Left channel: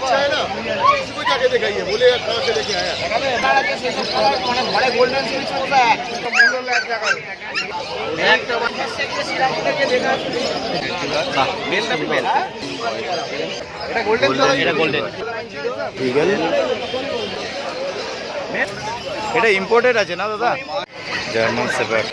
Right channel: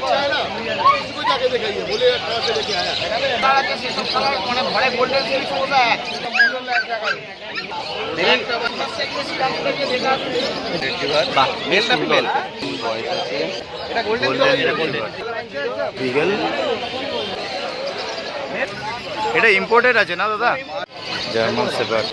बच्चा है ना, किसी को जाके दिखाइए, बोले कहाँ से लेके आया। गोल्डन स्विच होता है এটা ইম্পোর্টেড আছে না দাদা? German shepherd.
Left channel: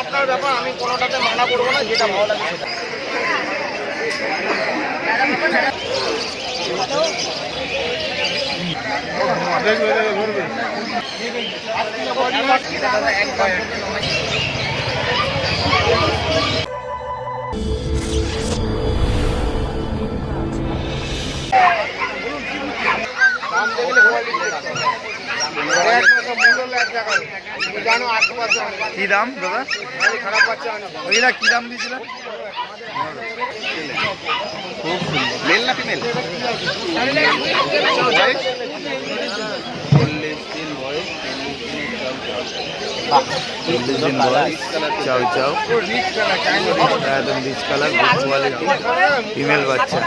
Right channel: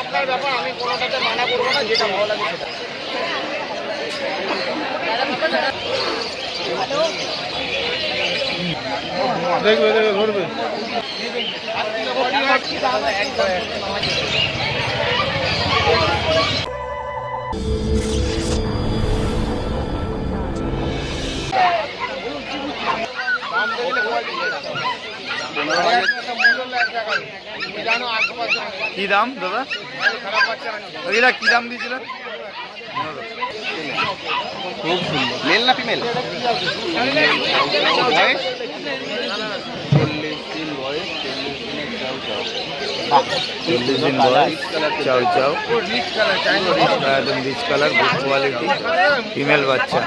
আপনার ব্যাপার, আমি কোনোটাতে মানা করবো না, যেটা ভালো লাগে সেটা। দাম দেখলে কি দাম দাদা? খারাপ পাচ্ছে না। ওইটা কি দাম দিয়েছিলেন? খুব সুন্দর। মেল না ফিমেল? 40 দিন বয়স, চাউ চাউ, একদম rich colour, good quality, female বাচ্চা।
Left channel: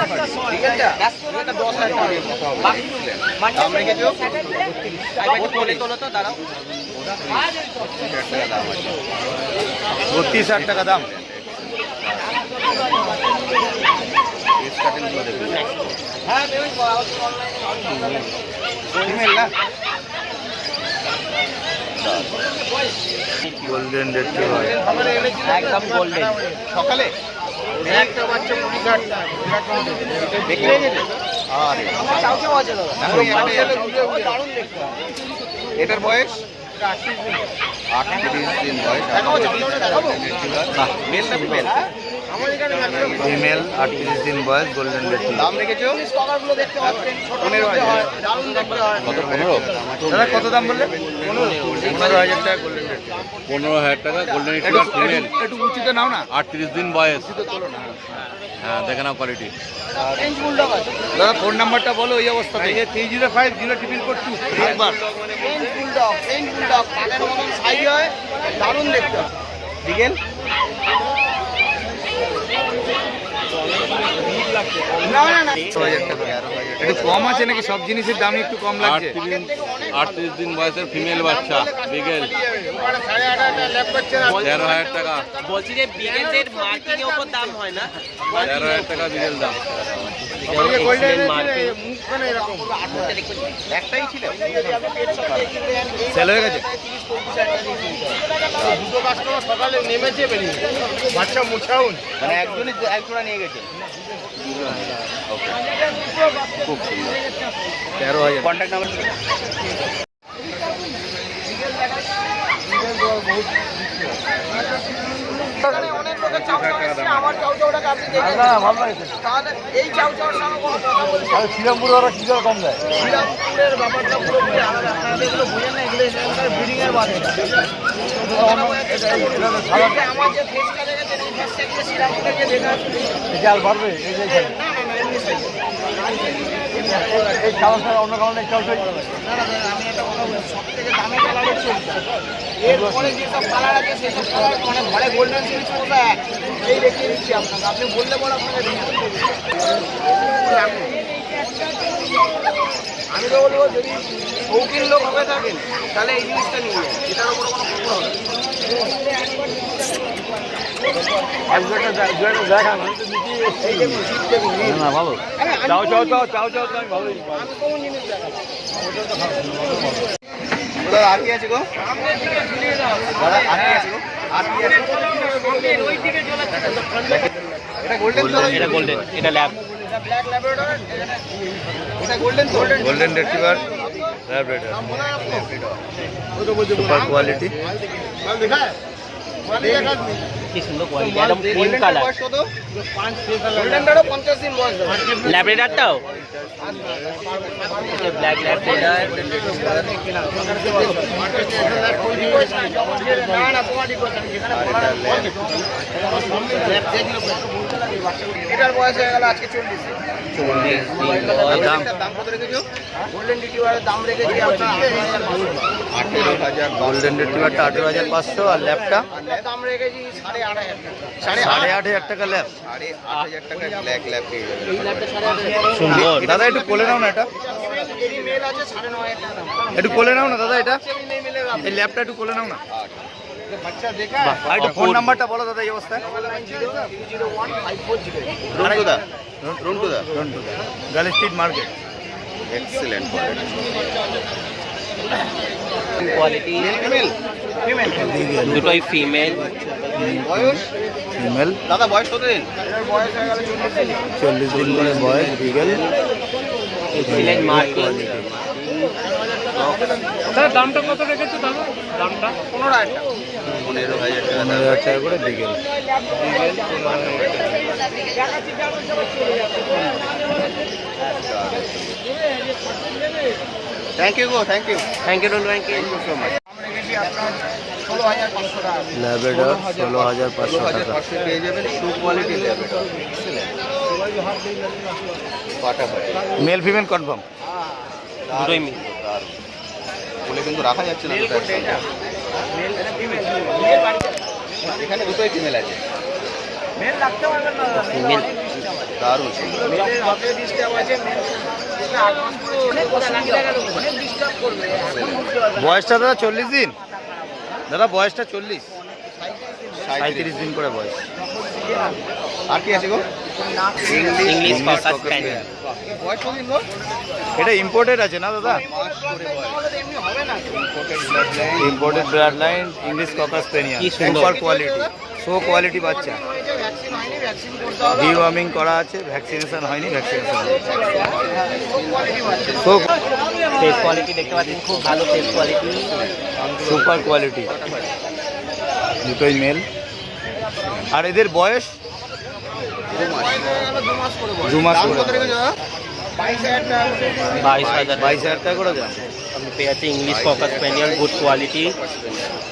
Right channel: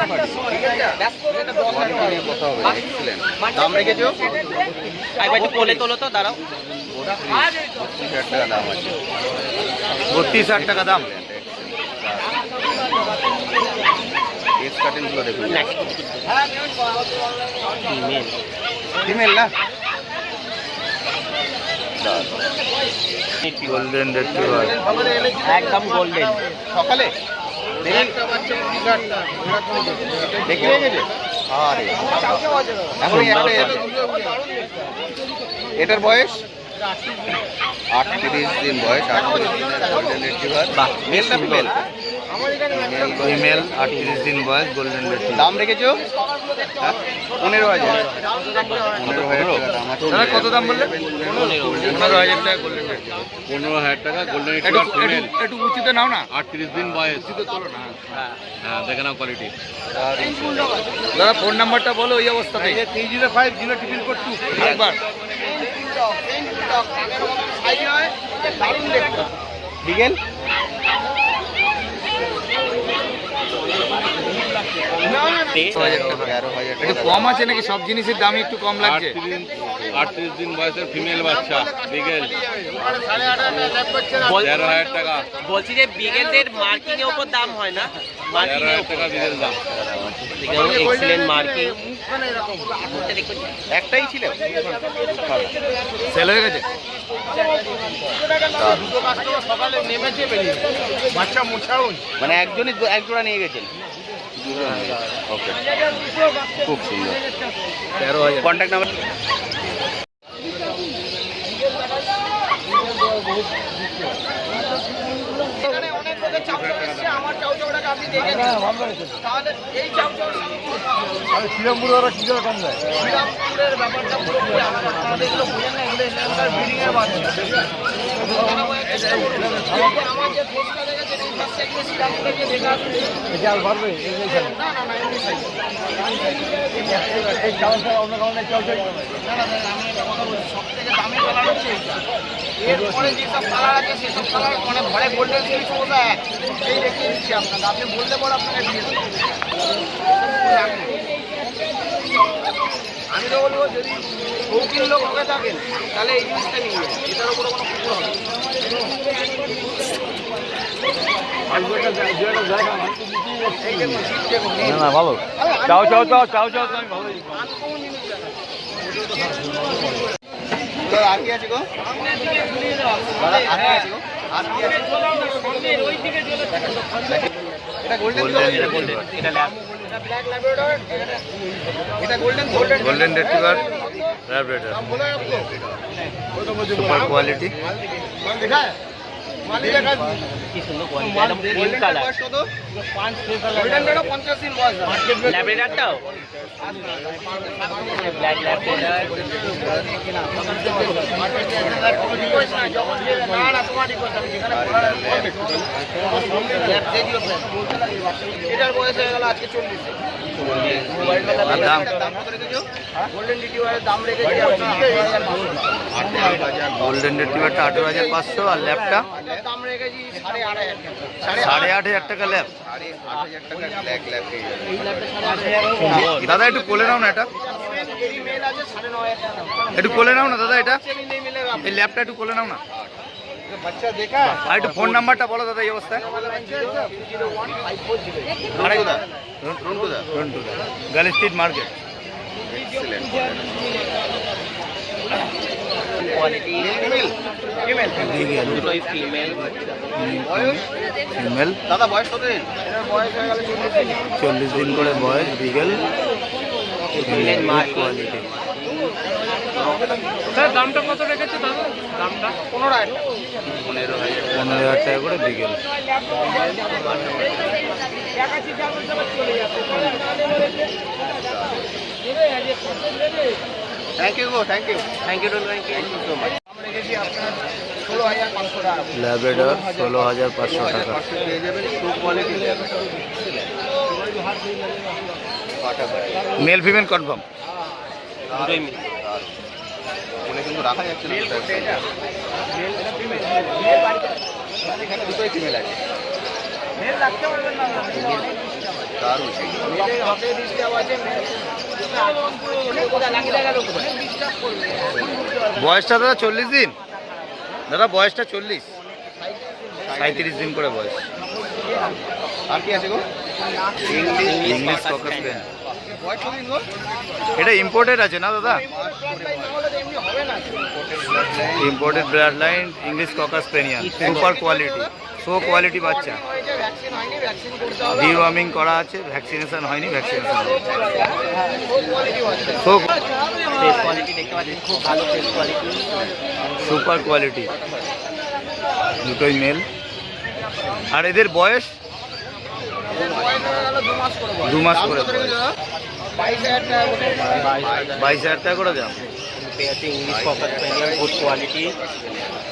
32,000 টাকা দাম। ফিমেল না? গোল্ডেন রিট্রিভার, একদম গোল্ডেন। সকালে একটা বাচ্চা 20,000 টাকা দেখে গেছে। এটার বয়স 38 দিন বয়স। ফিমেল 38 দিন বয়স, গোল্ডেন রিট্রিভার। দাম রেখেছো 15,000। কত? 15? দাদা কত দাম বললেন? 15,000 টাকা গোল্ডেন রিট্রিভার। 15,000 টাকা গোল্ডেন রিট্রিভার। একটু উঁচুতে নাও না, 38 দিন বয়স। উঁচুতে তোলো না। হ্যাঁ, দেখে নাও কোয়ালিটি। দাদা ফোন নাম্বারটা বলো ওই অবস্থাতে। 305002 আরেকবার। দারুণ দেখতে বিকেল। একটু কম আছে নাকি? সব জিনিসের দাম একটু কম লাগছে। 38 দিন বয়সের ফিমেল বাচ্চা বিগেল, 13,000 টাকা। বলছি যে বিগেলের মার্কেটের উপর দাম হয় না, 13,000 টাকা বিগেল দাম। একটাই ছিল, সেল হয়ে গেছে। দুটো কাস্টমার সকালে নেমেছে, বেরিয়ে বাচ্চা মোটাউন মানে একজনই এক জোড়া নিয়ে গেছেন। খুব সুন্দর। 13,000। Contact number. এখানে অনেক লোকের চাউচাউ এসছে, আমার চাউচাউটাকে আপনি দেখেন। তাহলে এই চাউচাউর সঙ্গে কোনো কথা বলছে? শ্রীরামপুরের ব্যাপারটা পুরোপুরি আলাদা। আপনারা এগুলো বুঝেন না, এগুলো এখানকার ব্রিডিং এর বাচ্চা। কথাটা বোঝার চেষ্টা করুন। এই যে আমার যে ফেসটা দেখেছেন, এই ফেসটা গিয়ে শ্রীরামপুরে গিয়ে দেখা না না না, এমনি সাইজ। না না দাদা, আমি একটা কথা বলছি, সব থেকে দামি কালার হচ্ছে এইটা। এরপরে যেসব কালার আছে সেসব কালার মানে ঘরে গোল্ডেন সুইচ মতো এক, এই দেখিয়ে দিচ্ছি আপনাকে। আপনি বললে পর আপনাকে দিয়ে দেবো। আমি তো বলবো, যদি শৌখিন লোক হয়ে থাকেন তাহলে এই জিনিসটা নিয়ে যান, এটার উপরে কোনো খবর হবে না। এই দেখুন, জিপ দেখুন, আনকমন জিনিস দেখাবো। আর কি আছে গো? এটা গোল্ডেন রিট্রিভার, এটা ল্যাব, ব্ল্যাক ল্যাব্রাডর, এটা golden golden retriever, Labrador, super quality. কি সুন্দর কোয়ালিটি, একদম ক্রিম কালার। গোল্ডেনটারও 50 দিন বয়স। ল্যাব্রেডারটাও ব্ল্যাক ল্যাব্রেডার। এটার বয়স হয়ে গেল আজকে 40। আর দাম? গোল্ডেন রিট্রিভারের দাম রেখেছি আপনার 18,500 টাকা। গোল্ডেন রিট্রিভারটা 18,500 আর ল্যাবটা দাম রেখেছি 8,500 টাকা। 8,500 টাকা ল্যাব। 8,500 টাকার ব্ল্যাক ল্যাব পেয়ে যাবেন। এই ল্যাবটা 8,500 দাদা একটু কোলে নাও না এটা, এরই মেল আছে 9,500 টাকা দাম। একটু কোলে নাও না দাদা এটা, সেমি মেলে দাম। এই ল্যাবটা একটু কোলে নাও না। আর একটু ফোন নাম্বারটা বলো দাদা এই অবস্থায়। 9903015408 আরেকটা রন্টুদা রন্টুদা, Galiff Street market. Excellent quality দুটোই ফিমেল। ফিমেল, দাদা বয়স কত দিন? এর বয়স হয়ে গেল 40 দিন। 40 দিন করে বয়স, বিগেল, এক্সিলেন্ট মার্কেট। কোয়ালিটি। দামটা কত রেখেছে দাদা? দামটা 15,000 টাকা। 15,000 টাকা করে বিগেল। থ্যাংক ইউ গো, thank you. Thank you thank you so much. আমরা রেখেছি আপনার 16,500 টাকা। ল্যাবেডর 16,500 টাকা। পেয়ে যাবেন শু কোয়ালিটি ল্যাব। এক্সেলেন্ট ফাটাফাটি। Mail female confirm. দুটোই মিল। বলে কিন্তু রাখা যাচ্ছে না। মেল এটা ফিমেল। মেল বাড়িতে আছে। এখানে দুটোই ফিমেল আছে। মেল রাখতে পারবেন না। মেল দারুণ। মেলের হাতে ডিস্টার্ব আছে। মেল 8 মাস পরে চলে কোথায় লাগিয়ে গেল কোথায়? ডিস্টার্ব করবে। বয়সটা দাদা 40 দিন। দাদা বয়সটা 40, 35 দিন করে বয়স। আর কি আছে গো? English ককার Spain. বয়স কত দিন গো? এটা ইম্পোর্টেড আছে না দাদা? এমনি হবে না। Imported blood line English cocker spaniel, super quality, so quality বাচ্চা। হয়েছে ভ্যাকসিন হয়নি, ভ্যাকসিন করতে হবে। ডিওয়ার্মিং করা আছে, ভ্যাকসিনেশন হয়নি, ভ্যাকসিনেশন হবে। খুব কোয়ালিটি বাচ্চা। সো ফেস কোয়ালিটি দেখতে পাচ্ছেন, খুব ভালো ফেস কোয়ালিটি। সুপার কোয়ালিটি, দুটোই মেল। আর এদের বয়স এদের বয়স হয়ে গেল 2 মাস করে বয়স। 2 মাস করে বয়স। 22,000 টাকা করে। 22,000 22,000 টাকা করে দাম। আমি পেয়ে যাচ্ছি English cocker spaniel, good quality.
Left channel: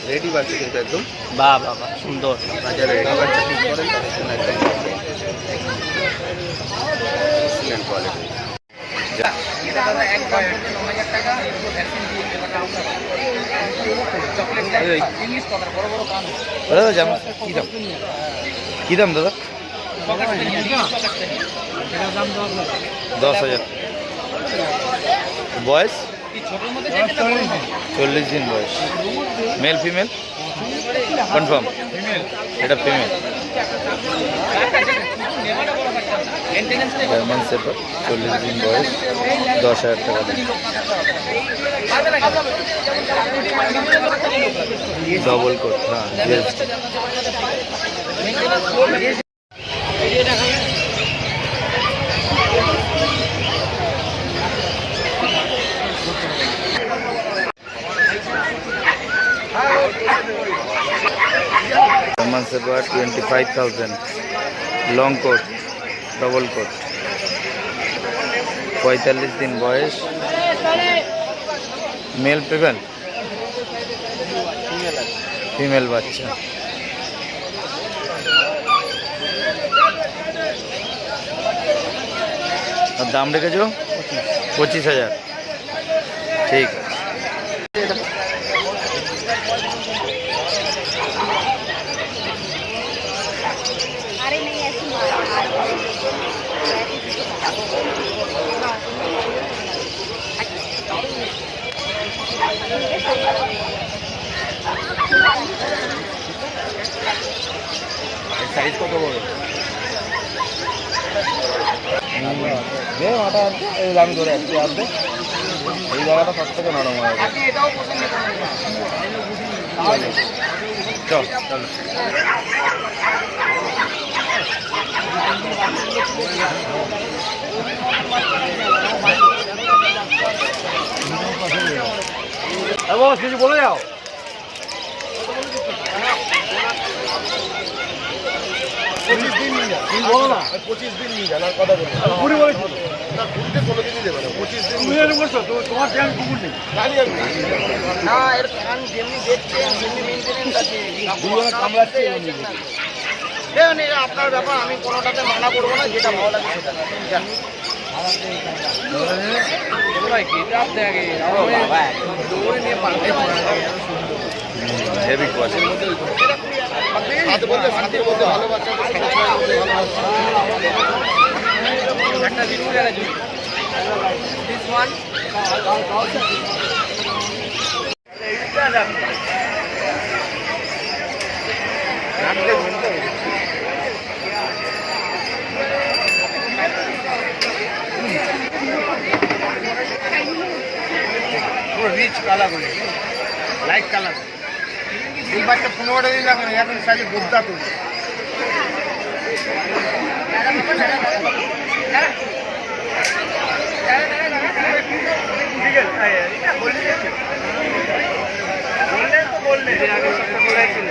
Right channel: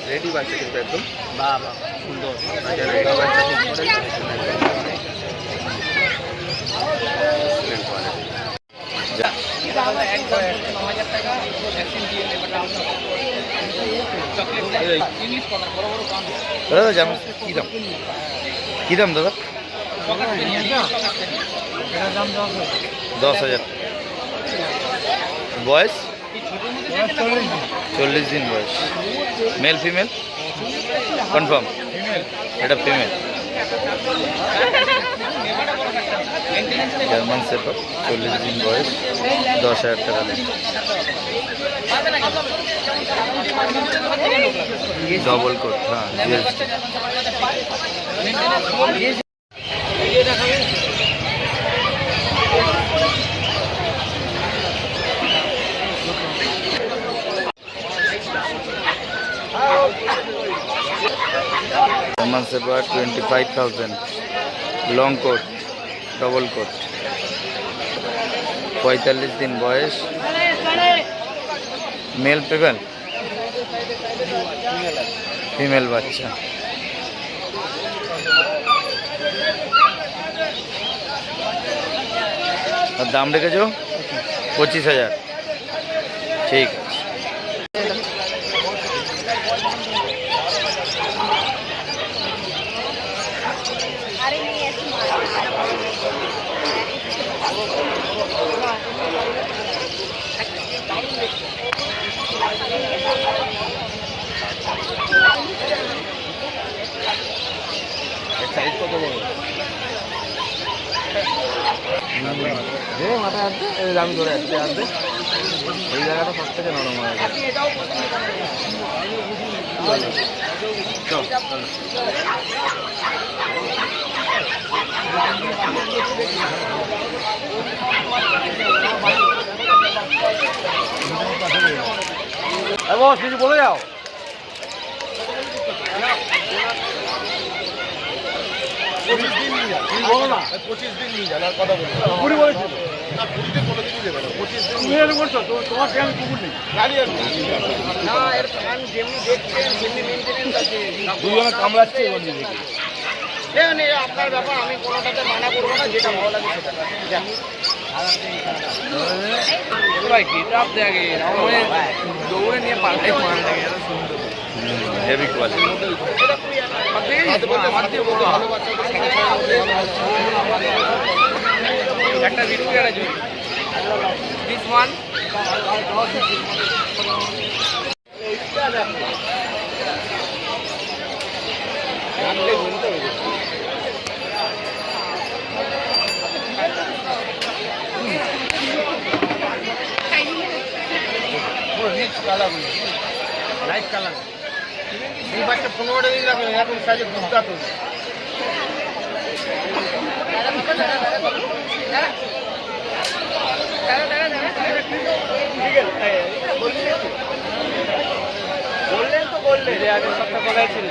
Ready বাচ্চা কিন্তু একদম। বাহ বাহ বাহ, সুন্দর। আচ্ছা রেডি বাচ্চা ঠিক করেন। Excellent quality. এটা দাদা এক বয়স 9,000 টাকা। পুরো ভ্যাকসিন দিয়ে এবার দাম চকলেট ইংলিশ কভার বড় বড় পান। দাদা যেমন কী দাম, কী দাম দাদা? এটার দাম 10,000 টাকা। বয়স 40 দিন বয়স। Male female confirm? এটা ফিমেল। জার্মান শেপার্ড, 40 দিন বয়স, 10,000 টাকা দাম। ডবল কোট, হ্যাঁ GST. German Shepherd 25,000, long coat, double coat, 45 দিন বয়স, মেল ফিমেল? ফিমেল বাচ্চা। আর দাম রেখেছো 25,000। ঠিক আছে। সাইজ কত বড়? মাথা আসবে, আমি ধরে আসছি আসবে। এই জায়গাটা সব থেকে নরম হয়ে গেছে। এটাও পছন্দ করেন কিছু বলে যাও। 25 দিন নিয়ে যান। তুমি বলো না 25 দিন নিয়ে যান। আর কথা বলি না 20 বলেছিল না, 20তে কোনোদিনই দেবে না। 25 দিন তুমি এর বলছো তোমার ট্যাঙ্ক কুকুর নেই গাড়ি আছে না। এর কান যেমনি দেখছেন যেমনি মেইনটেনেন্স আছে কামড়াচ্ছে দেখুন, এটা আপনার ব্যাপার। আমি কোনোটাতে মানা করবো না, যেটা ভালো লাগে সেটা যা। Heavy quality. This one. Rich colour light colour এই বাচ্চা 15 দিন লাগবে এখন সাইজে গুদ্দা তো বললেন তো বললেন আগে সব কোথায় ছিল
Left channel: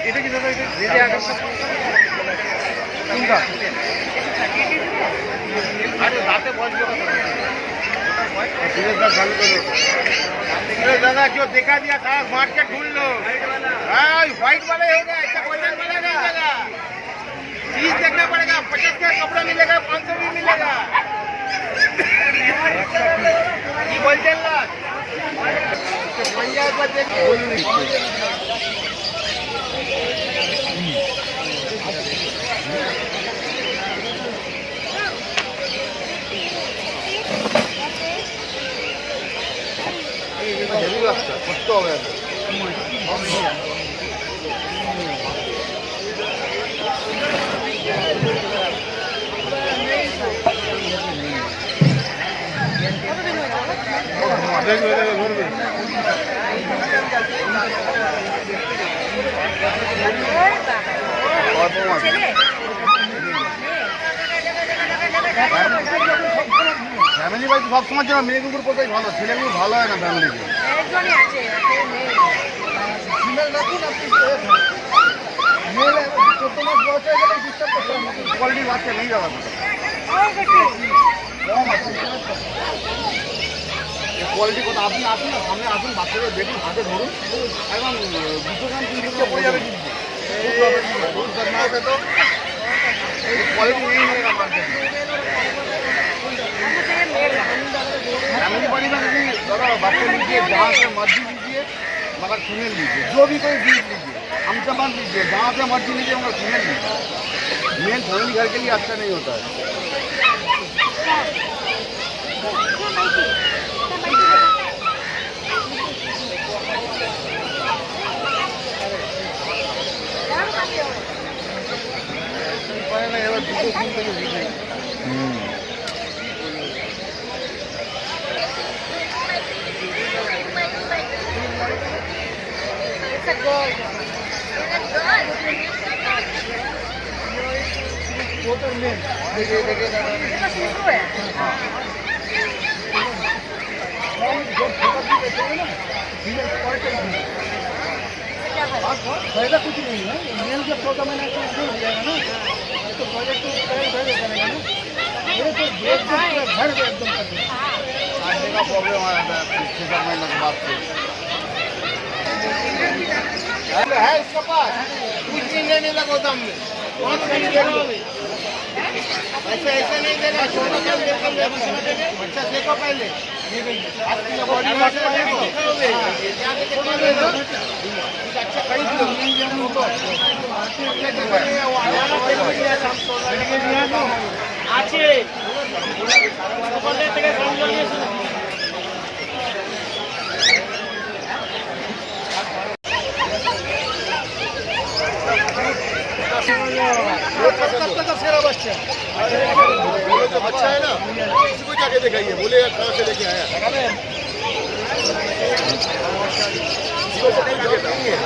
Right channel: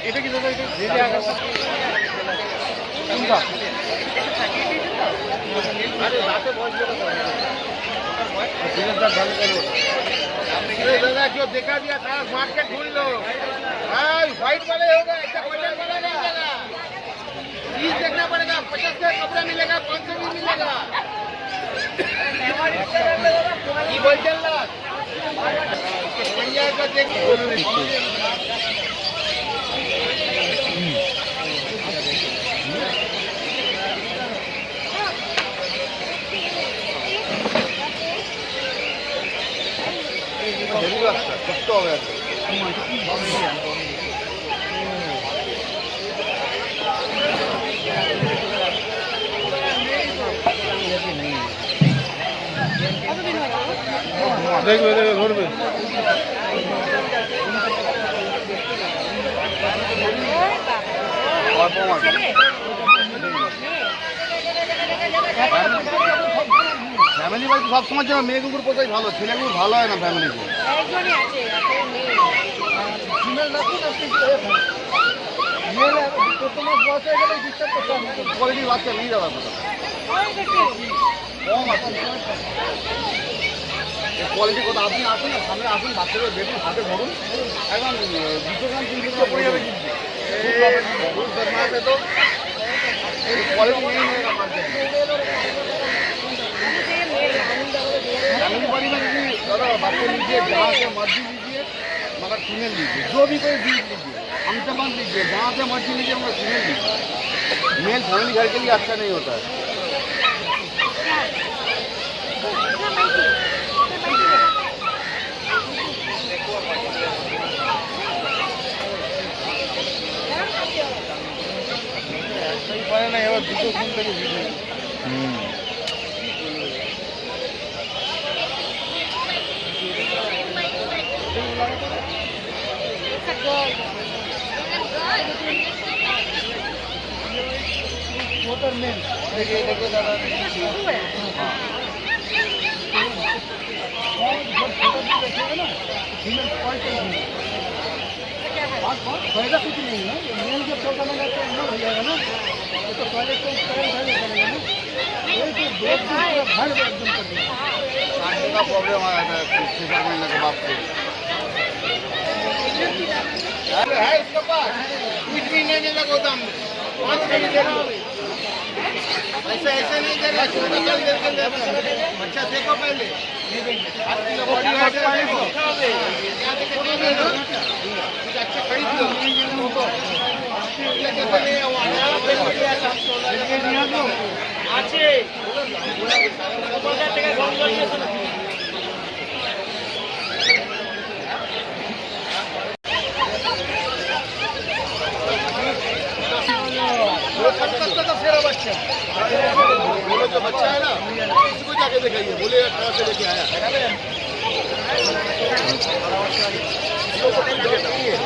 এটা কি দাদা এটা দিদি আগে কোনটা दादा जो देखा दिया था मार्केट ढूंढ लो व्हाइट वाले चीज देखना पड़ेगा 50 का कपड़ा मिलेगा 500 भी मिलेगा बोलते কষ্ট হবে ঘুরবে ফ্যামিলি বাড়ি সব সময় জন্য মেয়ে কুকুর কোথায় ভালো ছেলে কুকুর ভালো হয় না ফ্যামিলিতে কোয়ালিটি বাচ্চা নেই দাদা কম আছে কোয়ালিটি কথা আপনি আসুন না সামনে আসুন বাচ্চাগুলো দেখুন হাতে ধরুন এখন 200 গ্রাম 300 গ্রাম পড়ে যাবে তো क्वालिटी नहीं मिलेगा मार्केट में फैमिली बाड़ी में भी दादा बच्चे लीजिए जहाँ से मर्जी लीजिए मगर फीमेल लीजिए जो भी कोई बीज लीजिए हमसे मत लीजिए जहाँ से मर्जी लीजिए मगर फीमेल लीजिए मेल फैमिली घर के लिए अच्छा नहीं होता है It's a girl. इसका शुरू है क्या है कुछ नहीं है मेल जब 14 महीना का हो जाएगा ना तो पहले तो बनेगा ना ये तो घर एकदम कर देगा खाने का प्रॉब्लम आ रहा था 6 महीने के बाद से है इसके पास कुछ भी नहीं मिला गोदाम में ऐसा ऐसा नहीं देगा छोटा चल देके अच्छा देखो पहले आपकी बॉडी देखो अच्छा खरीद लो बोलो जो बच्चा है ना इसको जाके दिखाइए बोले कहाँ से लेके आया इसको कोई जॉब नहीं है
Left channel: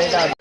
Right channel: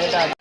हेलो